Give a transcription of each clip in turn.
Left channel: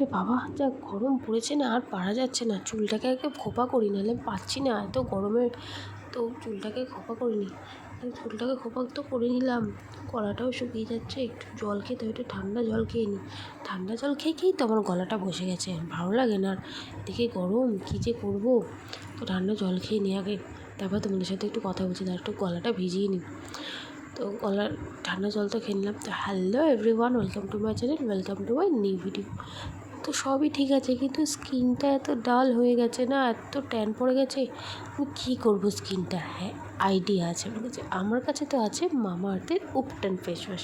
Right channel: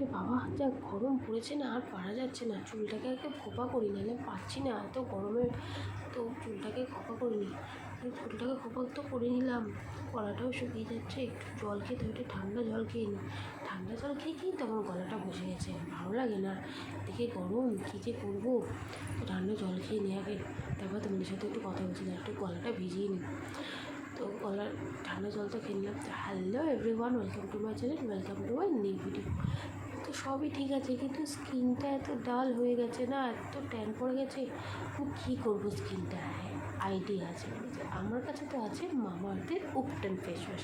আরে বাবা, যা গরম পড়েছে না, আর পারা যাচ্ছে না। চুলটাকে আগে খোপা করি, নাহলে পারছি না এত গরমে। তো চুলটাকে খোপা করিনি, চুলটাকে খোপা তো করে নিলাম। গলাটাও শুকিয়ে যাচ্ছে, একটু জল খেতে, একটু ঠান্ডা জল খেয়ে নিই। ঠান্ডা জল খেয়েই তো আমার গলাটা বসে গেছে, ভালো লাগে না। দেখে গরম কী যে করবো, তো ঠান্ডা জল খেয়ে নিই আগে, তারপর তোমাদের সাথে একটু কথা বলছি, তার একটু গলাটা ভিজিয়ে নিই। তো গলার ঠান্ডা জল তো খেয়ে নিলাম। তো hello everyone, welcome to my channel, welcome to my new video. তো সবই ঠিক আছে, কিন্তু স্কিনটা এত ডাল হয়ে গেছে না, এত ট্যান পড়ে গেছে। আমি কী করবো স্কিনটা? হ্যাঁ, আইডিয়া আছে, মানে যে আমার কাছে তো আছে মামাআর্থের উপটান ফেস ওয়াশ।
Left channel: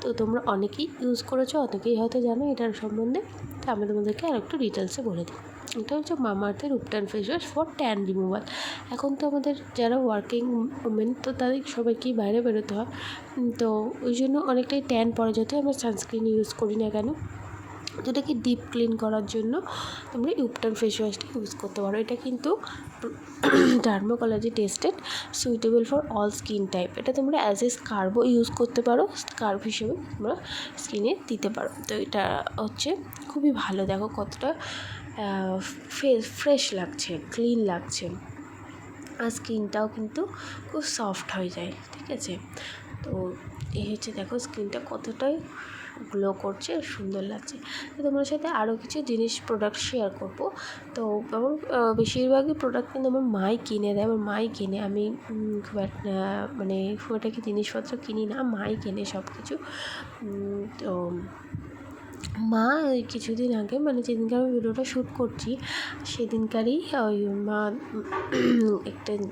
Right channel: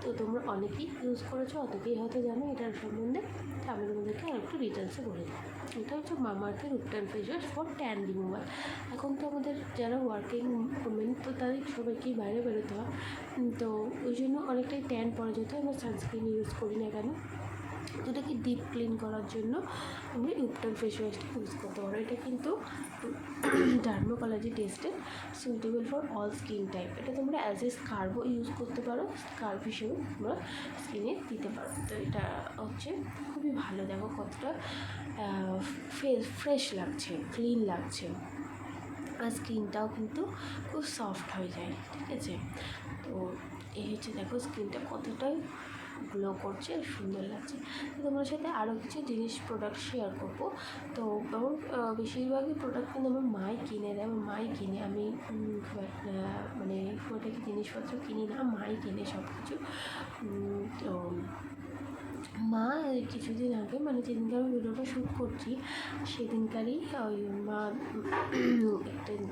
তো তোমরা অনেকেই ইউজ করেছো, অনেকেই হয়তো জানো এটার সম্বন্ধে। তো আমি তোমাদেরকে আর একটু ডিটেলসে বলে দিই। এটা হচ্ছে মামাআর্থের ubtan face wash for tan removal. এখন তো আমাদের যারা ওয়ার্কিং উমেন, তো তাদের সবাইকেই বাইরে বেরোতে হয়, তো ওই জন্য অনেকটাই ট্যান পড়ে, যেতে আমরা সানস্ক্রিন ইউজ করি না কেন। তো এটাকে ডিপ ক্লিন করার জন্য তোমরা উপটান ফেস ওয়াশটা ইউজ করতে পারো। এটা কিন্তু dermatology tested, suitable for all skin type. এটা তোমরা অ্যাজ এ স্কার্বও ইউজ করতে পারো, স্কার্ব হিসেবে তোমরা স্কিনে দিতে পারো। তো এটা হচ্ছে খুবই ভালো, দেখো কতটা ফ্রেশ লাগছে, ক্লিন লাগছে, আর স্কিনটাও কিন্তু খুব সফট হয়ে যায়, ঠিক আছে। তো এই হচ্ছে, দেখো স্কিনটা কতটাই গ্লো করছে, সুন্দর লাগছে। তো তোমার সাথে আরও কিছু জিনিস প্রোডাক্ট শেয়ার করবো। তো আমার বেশিরভাগই প্রোডাক্ট কিন্তু আমার মাই কিনে দেয়, আমার মাই কেনে, আমি খুব একটা মানে খুব একটা কি জিনিসপত্র কিনি না, মাই কেনে সব কিছু। তো মা ওই কিছুদিন আগে, মানে যেদিনকে আমি ভিডিওটা শ্যুট করছি সেদিনকারই ওই মা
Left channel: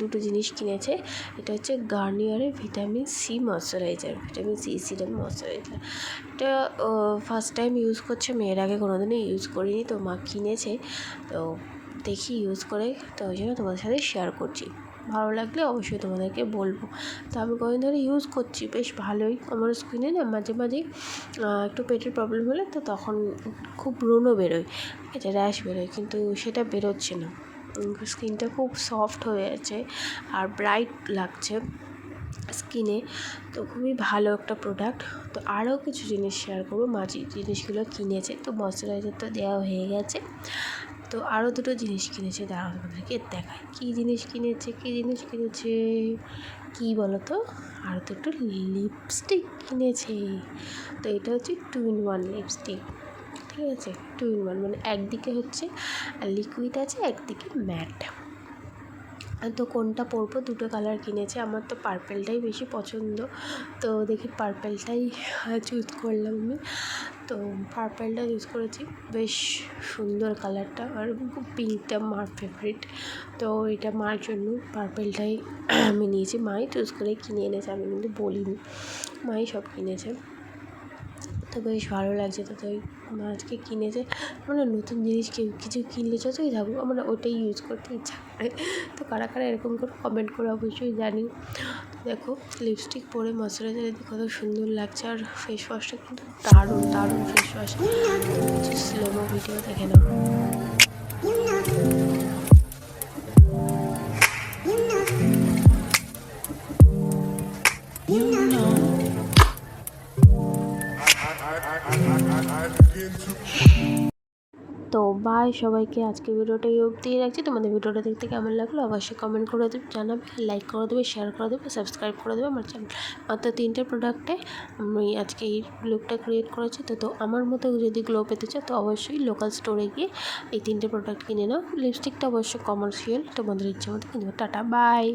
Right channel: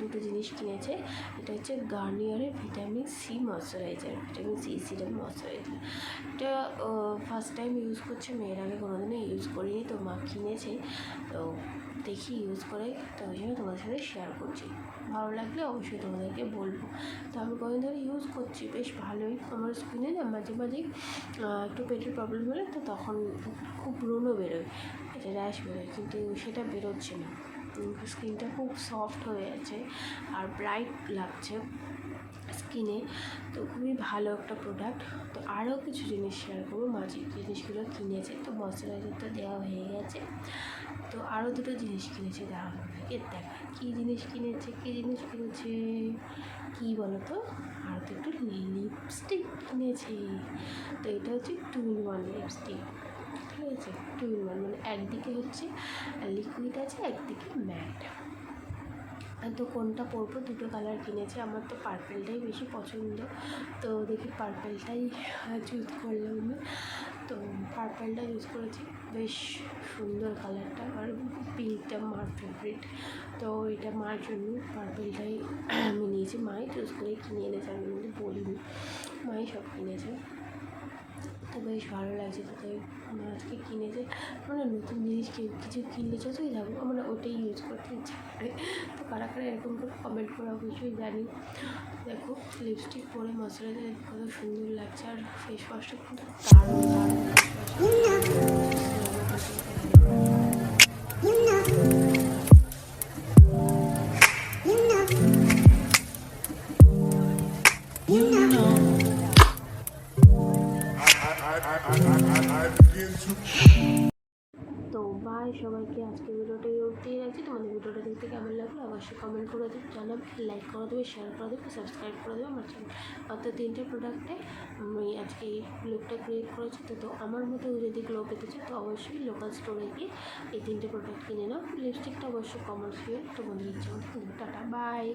দুটো জিনিস কিনেছে। এটা হচ্ছে গার্নিয়ারের vitamin C moisturiser, vitamin C serum moisturiser. এটা ফার্স্ট টাইম ইউজ করছে, মেয়ের আগে কোনোদিনও ইউজ করিনি, তো মা কিনেছে। তো দেখি ইউজ করে, তো ওই জন্য তোমাদের সাথে শেয়ার করছি। ভালো লাগলে অবশ্যই তোমাদেরকে বলবো। তো আমি কদিন ধরে ইউজ করছি, বেশ ভালোই। আমার স্কিনে না মাঝে মাঝেই একটু পেটের প্রবলেম হলে তো তখন খুব ব্রণও বেরোয়, এটা র্যাশ বেরোয়, কিন্তু সেটা বেরোচ্ছে না। স্কিনটা খুব সফট হয়ে আছে আর ব্রাইট লাগছে স্কিনে। তো খুবই ভালো একটা প্রোডাক্ট। তো আরও কিছু জিনিস শেয়ার করবো, মা যে জিনিসগুলো কিনেছে। তো ময়শ্চারাইজার তো দেওয়া হয়ে গেছে, তো আরও দুটো জিনিস কিনেছে, দাঁড়াও তোমাদেরকে দেখায় কী জিনিস কিনেছে। কী বলো তো, আর তো একটু লিপস্টিক কিনেছে। তো এটা হচ্ছে 2-in-1 লিপস্টিক, ঠিক আছে। 2-in-1 মানে একদিকে হচ্ছে লিকুইড আছে, একদিকে ম্যাট। তো কোনটা পরবো, দুটো কালার কিনেছে। আমার তো পার্পেলটাই বেশি পছন্দ, তো দেখি পার্পেলটাই চুজ করলাম আমি। তো পার্পেলটা ইউজ করেছি, বেশ সুন্দর কালারটা, আর পিঙ্কটা মার ফেভারিট। তো এটা মার জন্য পার্পেলটাই আমি নিয়েছি, মাই চুজ করে কিনে এনেছে, আমি কিন্তু বলিনি, মাই সব কিনেছে। তো বেশ ভালো লাগছে। তো তাই আজকে কিনেছে, মানে নতুন জিনিস কিছু কিনলে যতই থাকুক আমার ওটাই ইউজ করতে ইচ্ছা করে। তো কারা কারা এরকম করে কমেন্ট করে অবশ্যই জানি। দেখো লিপস্টিক পরে ময়শ্চারাইজার কত সুন্দর লাগছে, আর ফেস ওয়াশটা কিন্তু দারুণ দারুণ ফেস ওয়াশ। স্লোমো ভিডিও দেখে নেবো। তো বাই সবাইকে, আজকে ভিডিওটা এই অবধিই রাখছি। তোমাদের ভিডিওটা দেখতে কেমন লাগলো অবশ্যই কমেন্ট করে দেবে, জানাবে, লাইক করে দেবে, শেয়ার করে দেবে, সাবস্ক্রাইব করে দেবে আমার চ্যানেল। মাত্র 3টে প্রোডাক্টে আমি আজকে এই লুকটা ক্রিয়েট করেছি। তো আমার মতো যদি গ্লো পেতে চাও তো অবশ্যই লোকাল স্টোরে গিয়ে এই 3টে প্রোডাক্ট কিনে নাও। লিপস্টিকটা অবশ্যই কমার্শিয়াল, তোমাদের ইচ্ছা মতো কিনবে। Tata, by.